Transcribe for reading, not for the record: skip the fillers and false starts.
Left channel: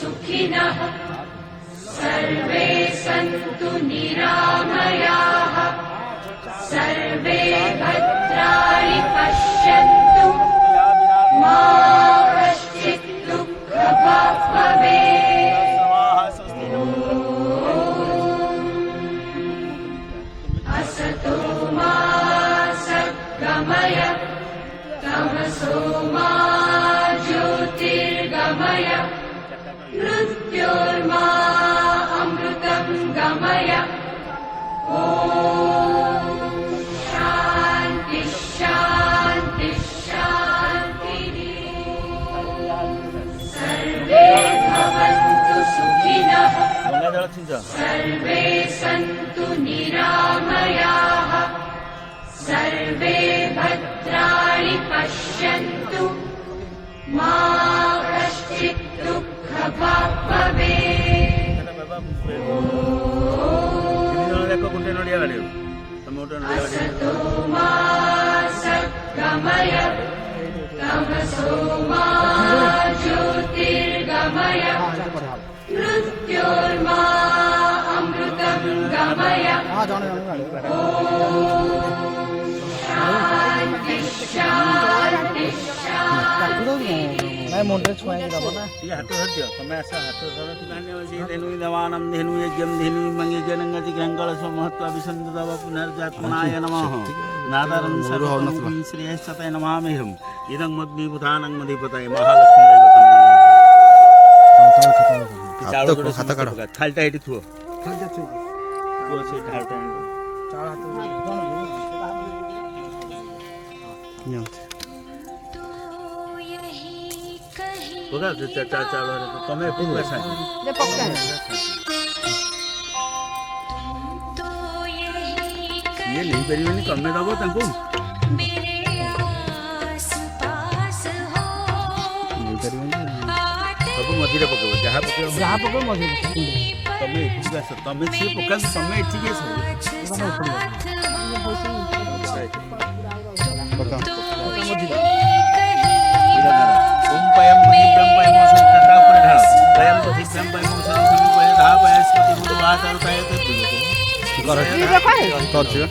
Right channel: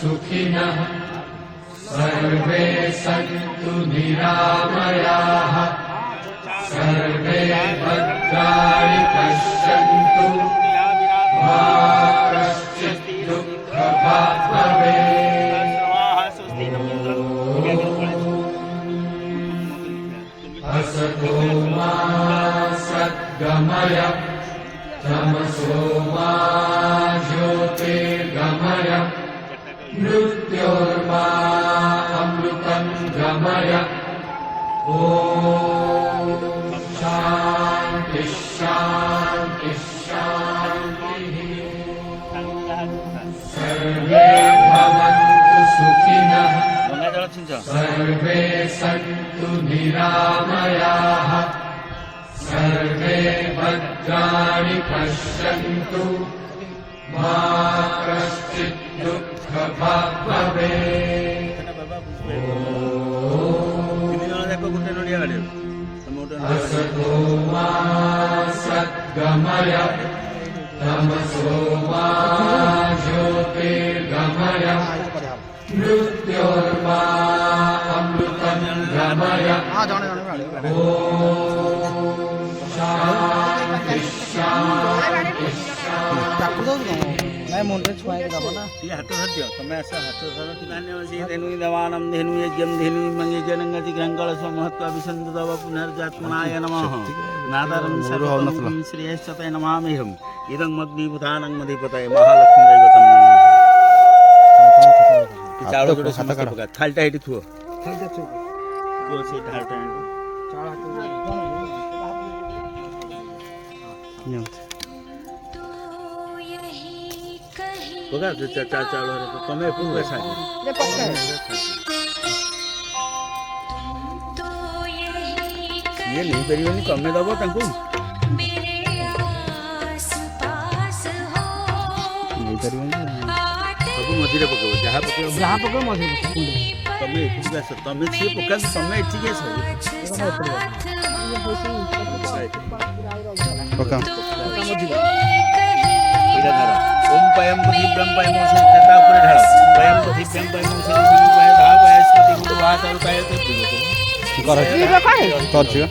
सुखिनः सर्वे सन्तु निरामयाः सर्वे भद्राणि पश्यन्तु मा कश्चित् दुःखभाग् भवेत् असतो मा सद्गमय तमसो मा ज्योतिर्गमय मृत्योर्मा अमृतं गमय ॐ शान्ति शान्ति शान्तिः सर्वे भवन्तु सुखिनः सर्वे सन्तु निरामयाः सर्वे भद्राणि पश्यन्तु मा कश्चित् दुःखभाग् भवेत् असतो मा सद्गमय तमसो मा ज्योतिर्गमय मृत्योर्मा अमृतं गमय शान्ति शान्ति शान्ति मुंडे छुआई के दबो ना ये हटो हट दियो तमे ऐसा हटो धरो किनाने वसी धेनु देवानम धेनु यज्ञम धेनु मंगे जनंगति गंगल स्व महत्व अभिसंध दव पुनर्जात्मनाय नमः नादारं सर्वं श्रेयश्चते नमामिहम् इदं मग्निभूतानं मधिपतये महालक्ष्मी दैवतं नमः खाता काढो थालटा इटी थुओ थालटा थुओ से थालटा चार हाथ बघा चाचा तमे पूरा साथ ले पक्के ये नहीं करिए नहीं कम दबो तंको मेरे आस पास हो नहीं करिए सब मझिरे पकेबो जहां पकेबो मधुर तमे ठीक है तमे छी पका तमे ठीक है पका ओम पयम बहिब्रह्म पयम संकटा पुरे ढाल पयम बहिब्रह्म पयम संकटा ढाल पयस्पति मुदवात और पयत कर कर दियो